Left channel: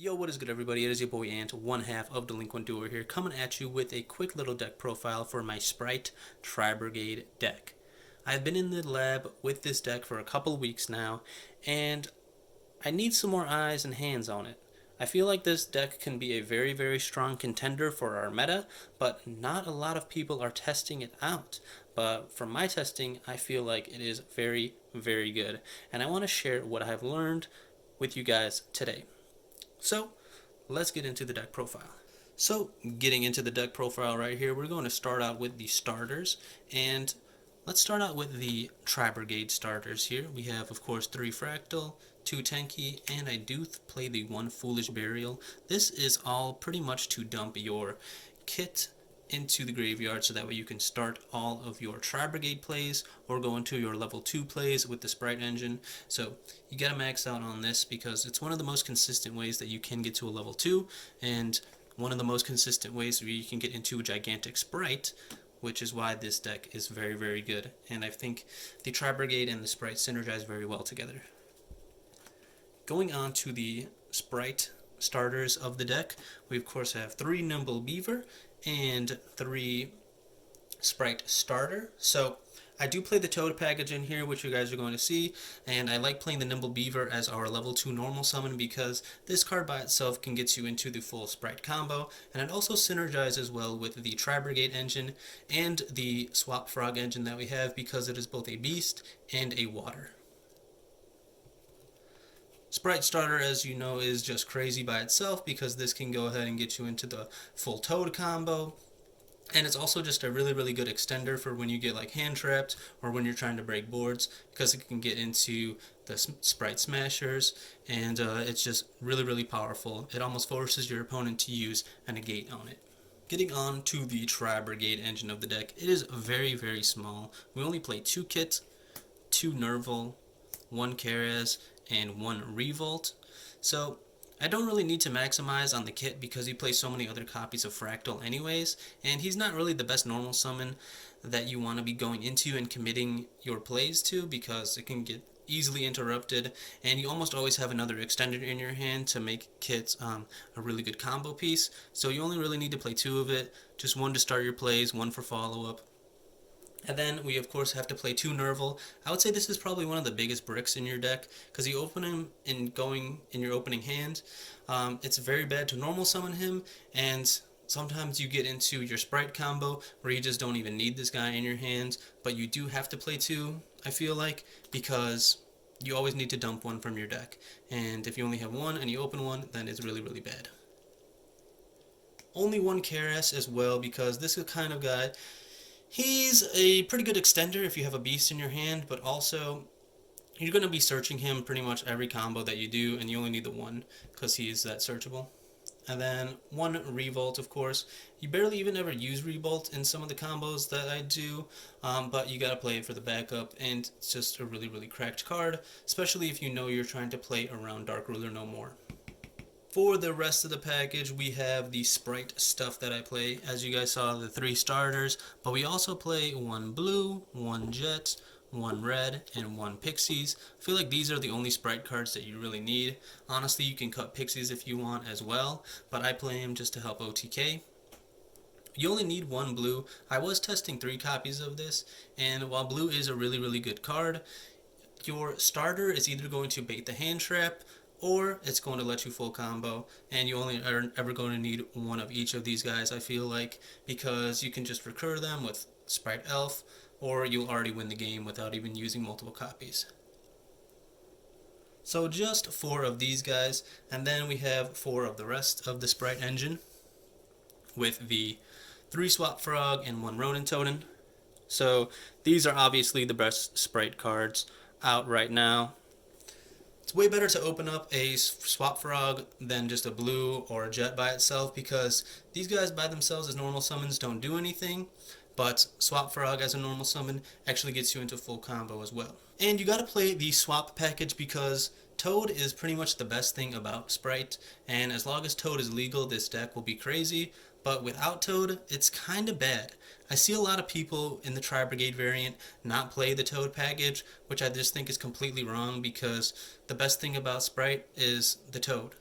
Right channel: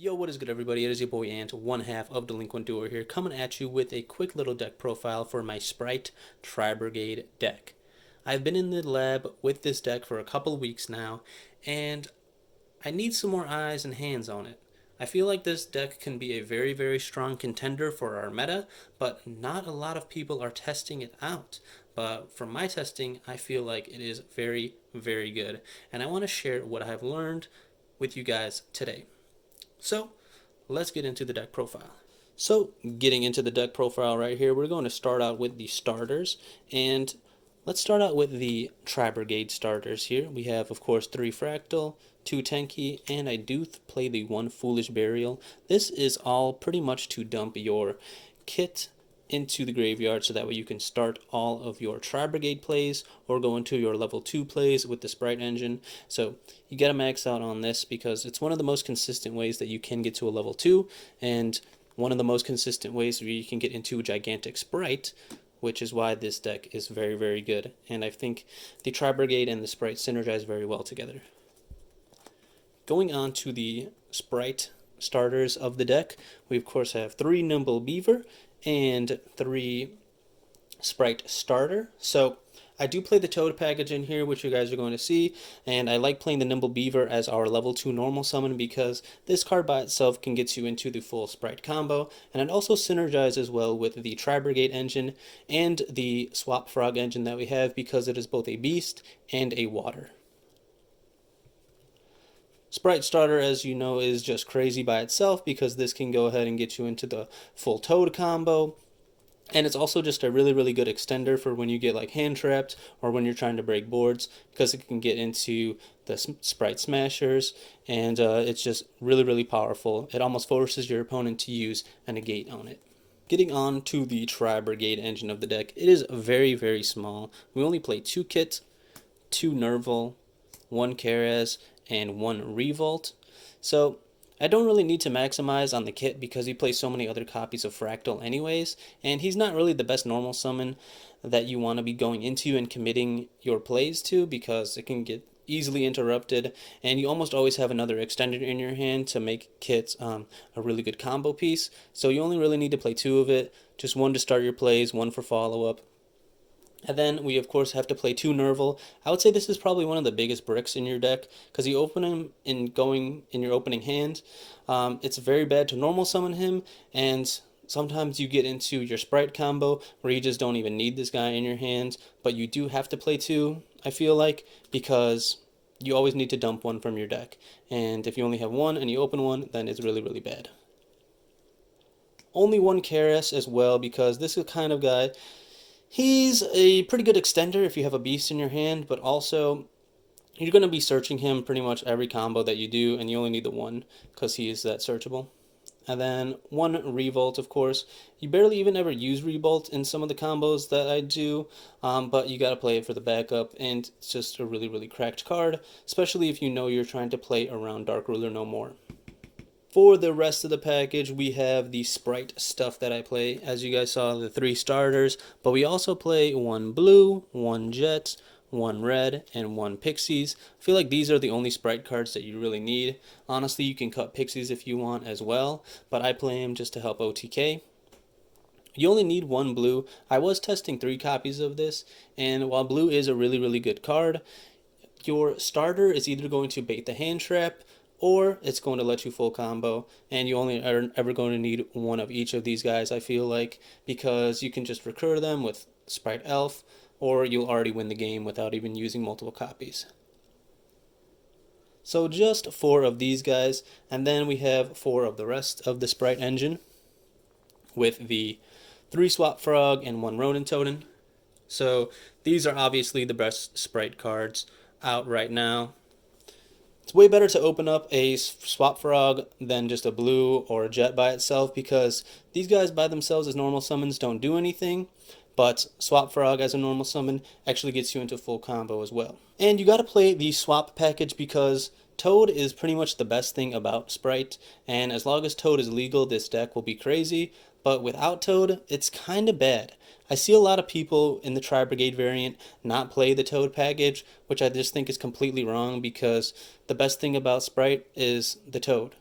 Yo, what is good, everybody? It is your boy Ant, one half of Delinquent Duo here, coming at you with a quick little deck profile for my Sprite Tri-Brigade deck. I've been in the lab with this deck for a couple weeks now, and I need some more eyes and hands on it. I feel like this deck can be a very, very strong contender for our meta, but not a lot of people are testing it out. But from my testing, I feel like it is very, very good, and I want to share what I've learned with you guys today. So let's get into the deck profile. So getting into the deck profile right here, we're going to start out with the starters, and let's start out with the Tri-Brigade starters here. We have, of course, 3 Fractal, 2 Tenki, and I do play the 1 Foolish Burial. This is all pretty much to dump your kit into the graveyard so that way you can start all of your Tri-Brigade plays or go into your level 2 plays with the Sprite engine. So you gotta max out on this because it's one of the most consistent ways that you can get to a level 2, and one of the most consistent ways where you can get into a gigantic Sprite, which is why this deck is very, very good. And I think the Tri-Brigade and the Sprite synergize very well together. Going on to the Sprite starters of the deck, we of course have 3 Nimble Beaver and 3 Sprite starter. So I do play the Toad package in here, which you guys are going to see, and I like playing the Nimble Beaver as our level 2 normal summon because this card by itself can get you into the full Sprite combo, and it also synergizes well with the Tri-Brigade engine and the Swap Frog engine that we have because it is both a beast and a water. Sprite starter, as you know, is just crazy by itself because this can go ahead and get you into the full Toad combo. And it's also just a really, really good extender for when you get like hand trapped or when you're trying to break boards because it can get into the Sprite Smashers, and it's just really, really powerful. It almost forces your opponent to use a negate on it. Getting on to the Tri-Brigade engine of the deck, it is very, very small. We only play 2 kits, 2 Nerval, 1 Keres, and 1 Revolt. So I don't really need to maximize on the kit because he plays so many other copies of Fractal anyways, and he's not really the best normal summon that you want to be going into and committing your plays to because it can get easily interrupted, and you almost always have another extender in your hand to make kits a really good combo piece. So you only really need to play 2 of it, just 1 to start your plays, 1 for follow-up. And then we of course have to play 2 Nerval. I would say this is probably one of the biggest bricks in your deck because you open him in going in your opening hand. It's very bad to normal summon him, and sometimes you get into your Sprite combo where you just don't even need this guy in your hand, but you do have to play 2, I feel like, because you always need to dump 1 from your deck. And if you only have 1 and you open 1, then it's really, really bad. Only 1 Keres as well because this is the kind of guy. He's a pretty good extender if you have a beast in your hand, but also you're going to be searching him pretty much every combo that you do, and you only need the 1 because he is that searchable. And then 1 Revolt, of course. You barely even ever use Revolt in some of the combos that I do, but you got to play it for the backup, and it's just a really, really cracked card, especially if you know you're trying to play around Dark Ruler no more. For the rest of the package, we have the Sprite stuff that I play. As you guys saw, the 3 starters, but we also play 1 blue, 1 jet, 1 red, and 1 pixies. I feel like these are the only Sprite cards that you really need. Honestly, you can cut pixies if you want as well, but I play them just to help OTK. You only need 1 blue. I was testing 3 copies of this, and while blue is a really, really good card, your starter is either going to bait the hand trap or it's going to let you full combo, and you only are ever going to need 1 of each of these guys, I feel like, because you can just recur them with Sprite Elf, or you'll already win the game without even using multiple copies. So just 4 of these guys, and then we have 4 of the rest of the Sprite engine with the 3 Swap Frog and 1 Ronin Totem. So these are obviously the best Sprite cards out right now. It's way better to open up a Swap Frog than just a blue or a jet by itself because these guys by themselves as normal summons don't do anything, but Swap Frog as a normal summon actually gets you into full combo as well. And you gotta play the Swap package because Toad is pretty much the best thing about Sprite, and as long as Toad is legal, this deck will be crazy, but without Toad, it's kinda bad. I see a lot of people in the Tri-Brigade variant not play the Toad package, which I just think is completely wrong because the best thing about Sprite is the Toad.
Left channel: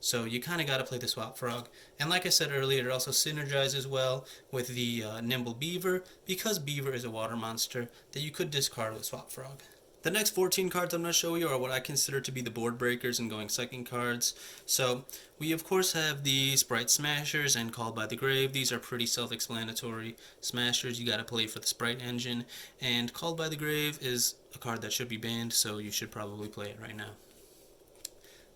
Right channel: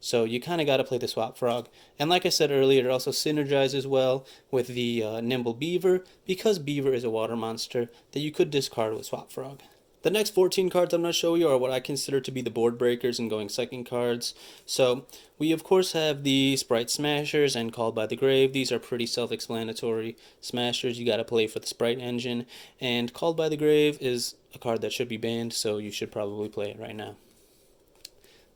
So you kind of got to play the Swap Frog. And like I said earlier, it also synergizes well with the Nimble Beaver, because Beaver is a water monster that you could discard with Swap Frog. The next 14 cards I'm going to show you are what I consider to be the board breakers and going second cards. So we of course have the Sprite Smashers and Called by the Grave. These are pretty self-explanatory. Smashers you got to play for the Sprite engine, and Called by the Grave is a card that should be banned, so you should probably play it right now.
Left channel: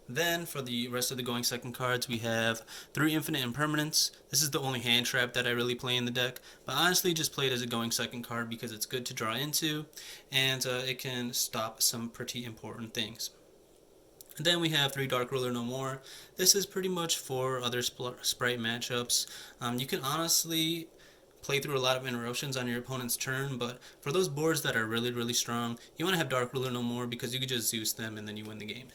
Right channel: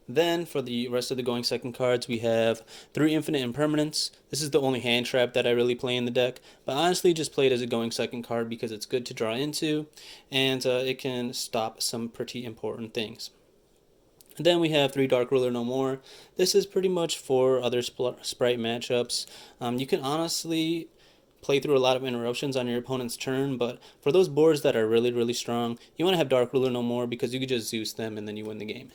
Then for the rest of the going second cards, we have 3 Infinite Impermanence. This is the only hand trap that I really play in the deck, but honestly just play it as a going second card because it's good to draw into, and it can stop some pretty important things. And then we have 3 Dark Ruler No More. This is pretty much for other Sprite matchups. You can honestly play through a lot of interruptions on your opponent's turn, but for those boards that are really, really strong, you want to have Dark Ruler No More because you can just Zeus them and then you win the game.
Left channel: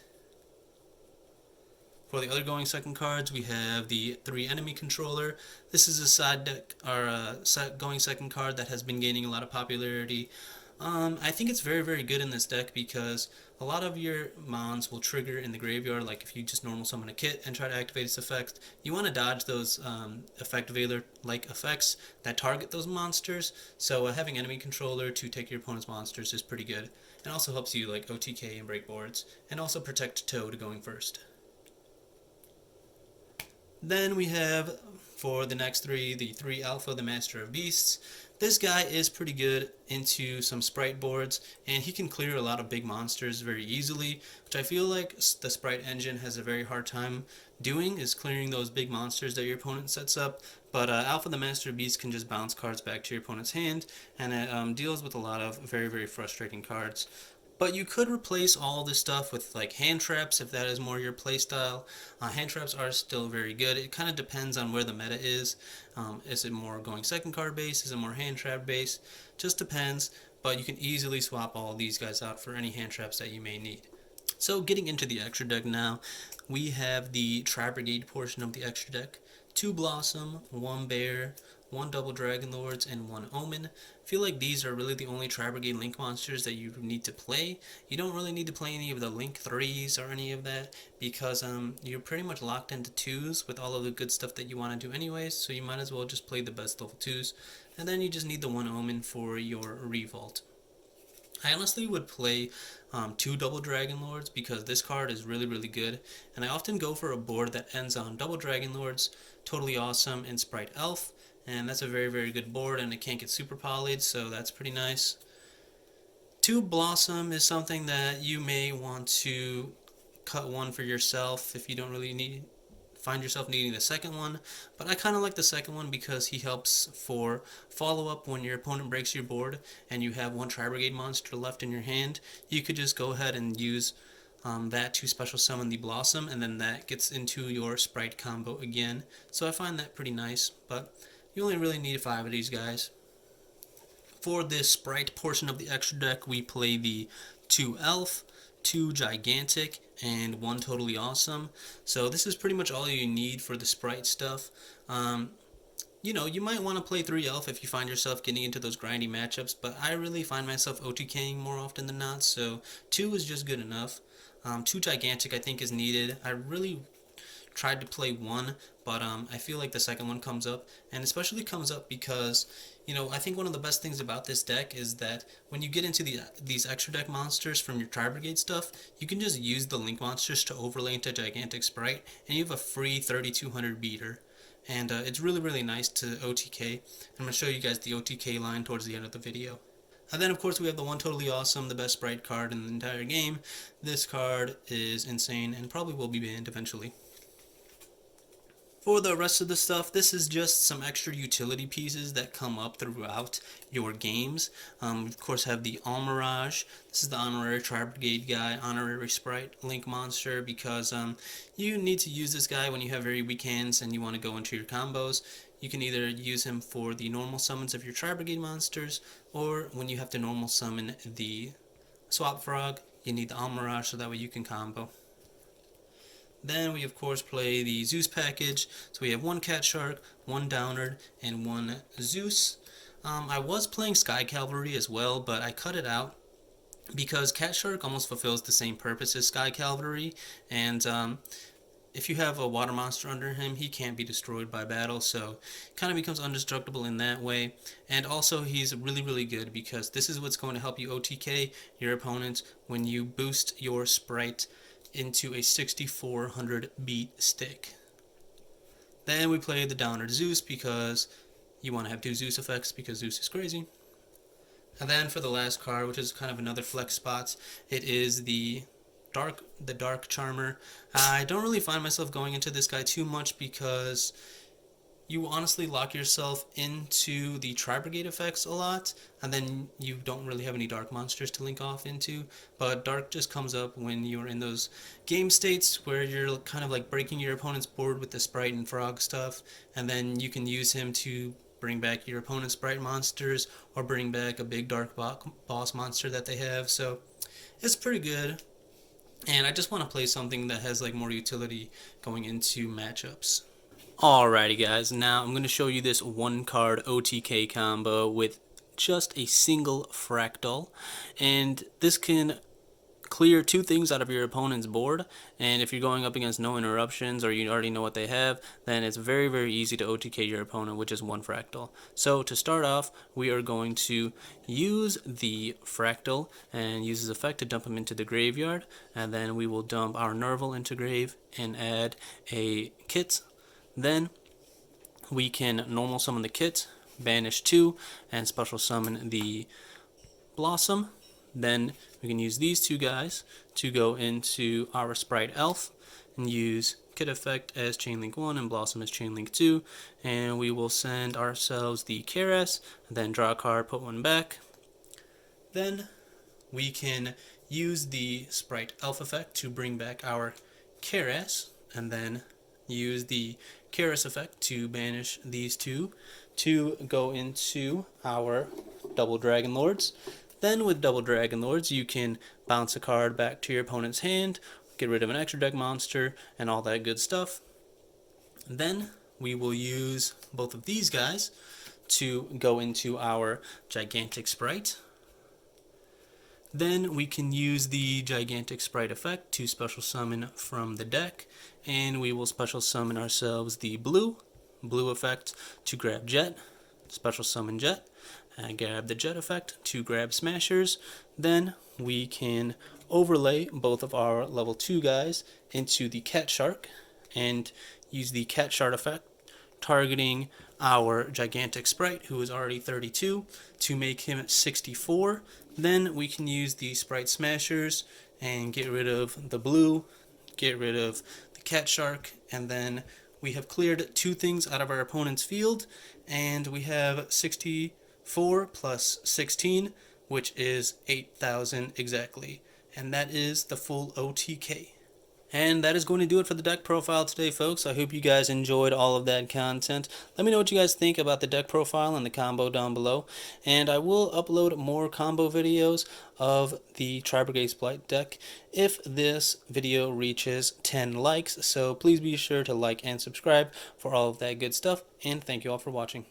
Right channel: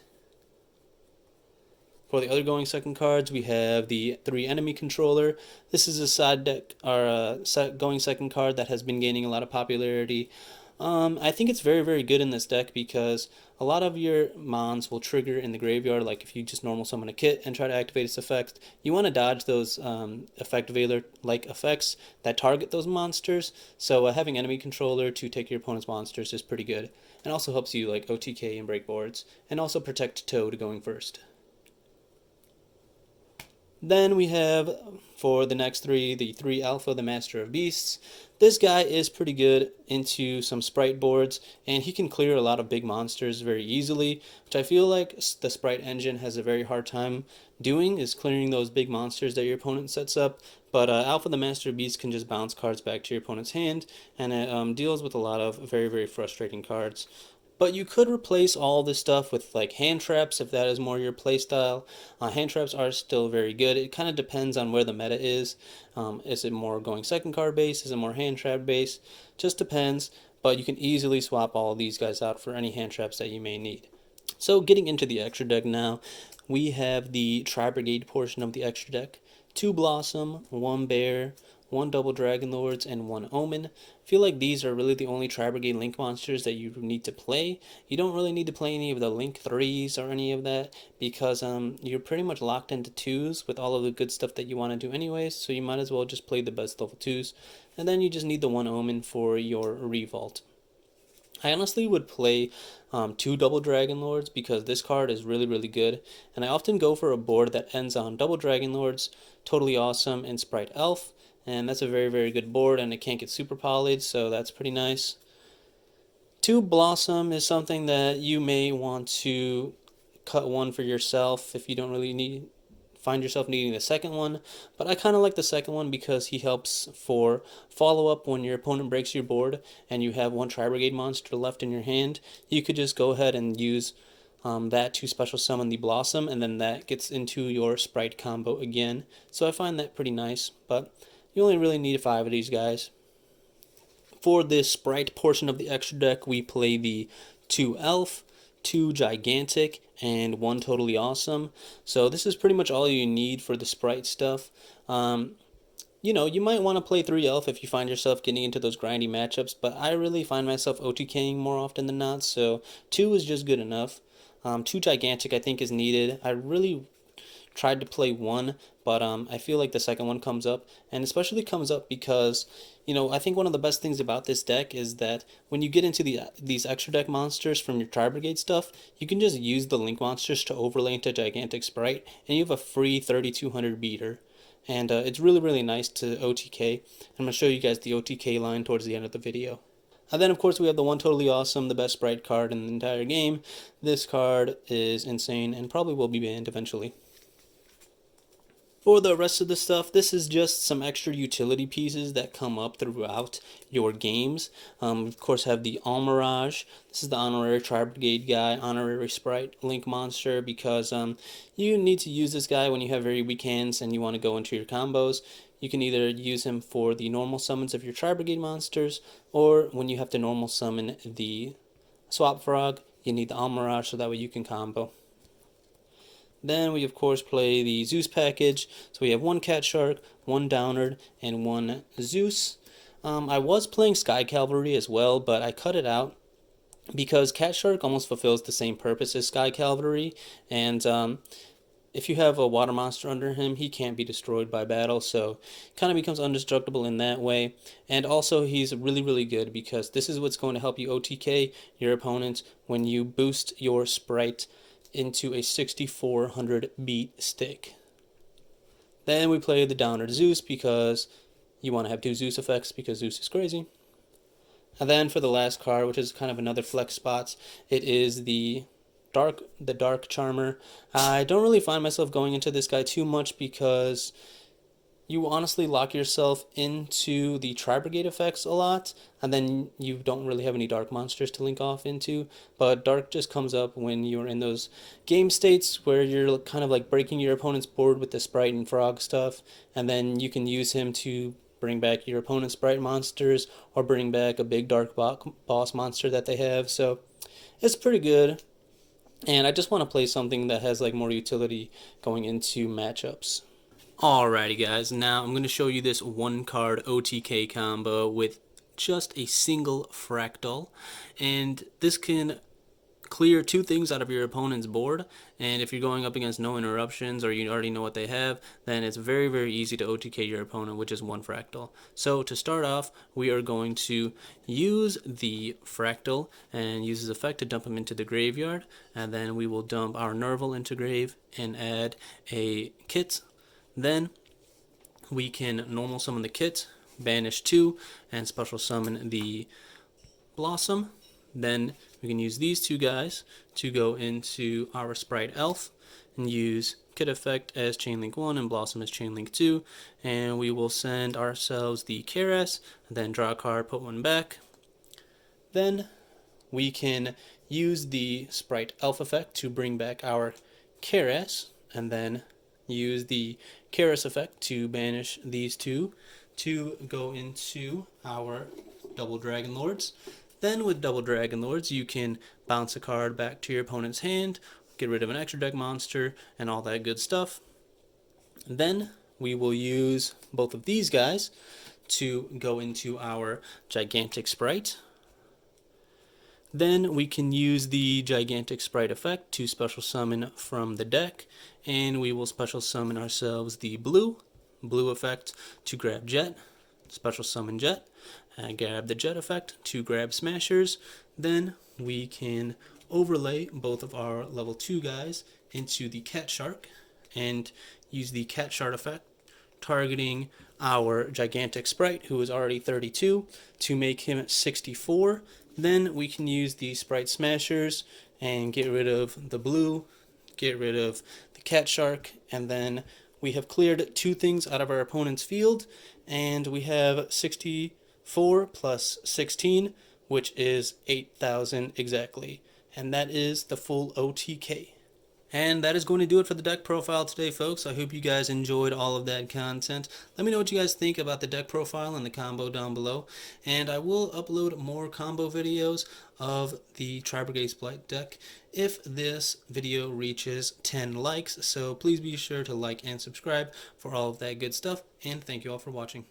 For the other going second cards, we have the 3 Enemy Controller. This is a side deck, or a going second card that has been gaining a lot of popularity. I think it's very, very good in this deck because a lot of your mons will trigger in the graveyard, like if you just normal summon a kit and try to activate its effect. You want to dodge those effect veiler-like effects that target those monsters, so having Enemy Controller to take your opponent's monsters is pretty good. And also helps you like OTK and break boards, and also protect Toad going first. Then we have, for the next 3, the 3 Alpha, the Master of Beasts. This guy is pretty good into some Sprite boards, and he can clear a lot of big monsters very easily, which I feel like the Sprite engine has a very hard time doing, is clearing those big monsters that your opponent sets up. But Alpha the Master of Beasts can just bounce cards back to your opponent's hand, and it deals with a lot of very, very frustrating cards. But you could replace all this stuff with like hand traps if that is more your playstyle. Hand traps are still very good. It kind of depends on where the meta is. Is it more going second card base? Is it more hand trap base? Just depends. But you can easily swap all these guys out for any hand traps that you may need. So getting into the extra deck now, we have the TRI-BRIGADE portion of the extra deck. 2 Blossom, 1 Bear, 1 Double Dragon Lords, and 1 Omen. I feel like these are really the only TRI-BRIGADE Link monsters that you need to play. You don't really need to play any of the Link 3s or any of that because you're pretty much locked into 2s with all of the good stuff that you want to do anyways, so you might as well just play the best level 2s. And then you just need the 1 Omen for your Revolt. I honestly would play 2 Double Dragon Lords because this card is really, really good. And I often go for a board that ends on Double Dragon Lords, Totally Awesome, and Sprite Elf. And that's a very, very good board, and it can't get super polyed, so that's pretty nice. 2 Blossom is something that you may want to cut one for yourself if you don't really find yourself needing the second one, but I kind of like the second one because he helps for follow-up when your opponent breaks your board and you have 1 TRI-BRIGADE monster left in your hand. You could just go ahead and use that to special summon the Blossom, and then that gets into your Sprite combo again. So I find that pretty nice, but you only really need 5 of these guys. For this Sprite portion of the extra deck, we play the 2 Elf, 2 Gigantic, and 1 Totally Awesome. So this is pretty much all you need for the Sprite stuff. You know, you might want to play 3 Elf if you find yourself getting into those grindy matchups, but I really find myself OTKing more often than not, so 2 is just good enough. 2 Gigantic I think is needed. I really tried to play 1, but I feel like the second one comes up, and especially comes up because, you know, I think one of the best things about this deck is that when you get into these extra deck monsters from your TRI-BRIGADE stuff, you can just use the Link monsters to overlay into Gigantic Sprite, and you have a free 3200 beater. And it's really, really nice to OTK. I'm going to show you guys the OTK line towards the end of the video. And then, of course, we have the 1 Totally Awesome, the best Sprite card in the entire game. This card is insane and probably will be banned eventually. For the rest of the stuff, this is just some extra utility pieces that come up throughout your games. Of course, have the Almirage. This is the honorary TRI-BRIGADE guy, honorary Sprite Link monster, because you need to use this guy when you have very weak hands and you want to go into your combos. You can either use him for the normal summons of your TRI-BRIGADE monsters, or when you have to normal summon the Swap Frog, you need the Almirage so that way you can combo. Then we of course play the Zeus package. So we have 1 Cat Shark, 1 Downard, and 1 Zeus. I was playing Sky Cavalry as well, but I cut it out because Cat Shark almost fulfills the same purpose as Sky Cavalry, and if you have a water monster under him, he can't be destroyed by battle, so kind of becomes indestructible in that way. And also, he's really, really good because this is what's going to help you OTK your opponents when you boost your Sprite into a 6400 beat stick. Then we play the Downer Zeus because you want to have two Zeus effects because Zeus is crazy. And then for the last card, which is kind of another flex spots, it is the Dark Charmer. I don't really find myself going into this guy too much because you honestly lock yourself into the Tri-Brigade effects a lot, and then you don't really have any dark monsters to link off into. But dark just comes up when you're in those game states where you're kind of like breaking your opponent's board with the Sprite and Frog stuff, and then you can use him to bring back your opponent's Sprite monsters or bring back a big dark boss monster that they have. So it's pretty good. And I just want to play something that has like more utility going into matchups. Alrighty guys, now I'm going to show you this one card OTK combo with just a single fractal, and this can clear two things out of your opponent's board. And if you're going up against no interruptions or you already know what they have, then it's very, very easy to OTK your opponent with just one fractal. So to start off, we are going to use the fractal and use his effect to dump him into the graveyard, and then we will dump our Nerval into grave and add a kit. Then we can normal summon the kit, banish 2, and special summon the Blossom. Then we can use these two guys to go into our Sprite Elf and use Kit Effect as Chainlink 1 and Blossom as Chainlink 2. And we will send ourselves the Keras, and then draw a card, put one back. Then we can use the Sprite Elf effect to bring back our Keras, and then use the Keras effect to banish these two to go into our Double Dragon Lords. Then with Double Dragon Lords, you can bounce a card back to your opponent's hand, get rid of an extra deck monster, and all that good stuff. Then we will use both of these guys to go into our Gigantic Sprite. Then we can use the Gigantic Sprite effect to special summon from the deck, and we will special summon ourselves the blue effect to grab Jet, special summon Jet, and grab the Jet effect to grab Smashers. Then we can overlay both of our level 2 guys into the Cat Shark and use the Cat Shark effect targeting our Gigantic Sprite, who is already 32, to make him 64. Then we can use the Sprite Smashers and get rid of the blue, get rid of the Cat Shark, and then we have cleared two things out of our opponent's field, and we have 64 plus 16, which is 8,000 exactly. And that is the full OTK. And that is going to do it for the deck profile today, folks. I hope you guys enjoyed all of that content. Let me know what you guys think about the deck profile and the combo down below. And I will upload more combo videos of the Tri-Brigade SPRIGHT deck if this video reaches 10 likes. So please be sure to like and subscribe for all of that good stuff. And thank you all for watching.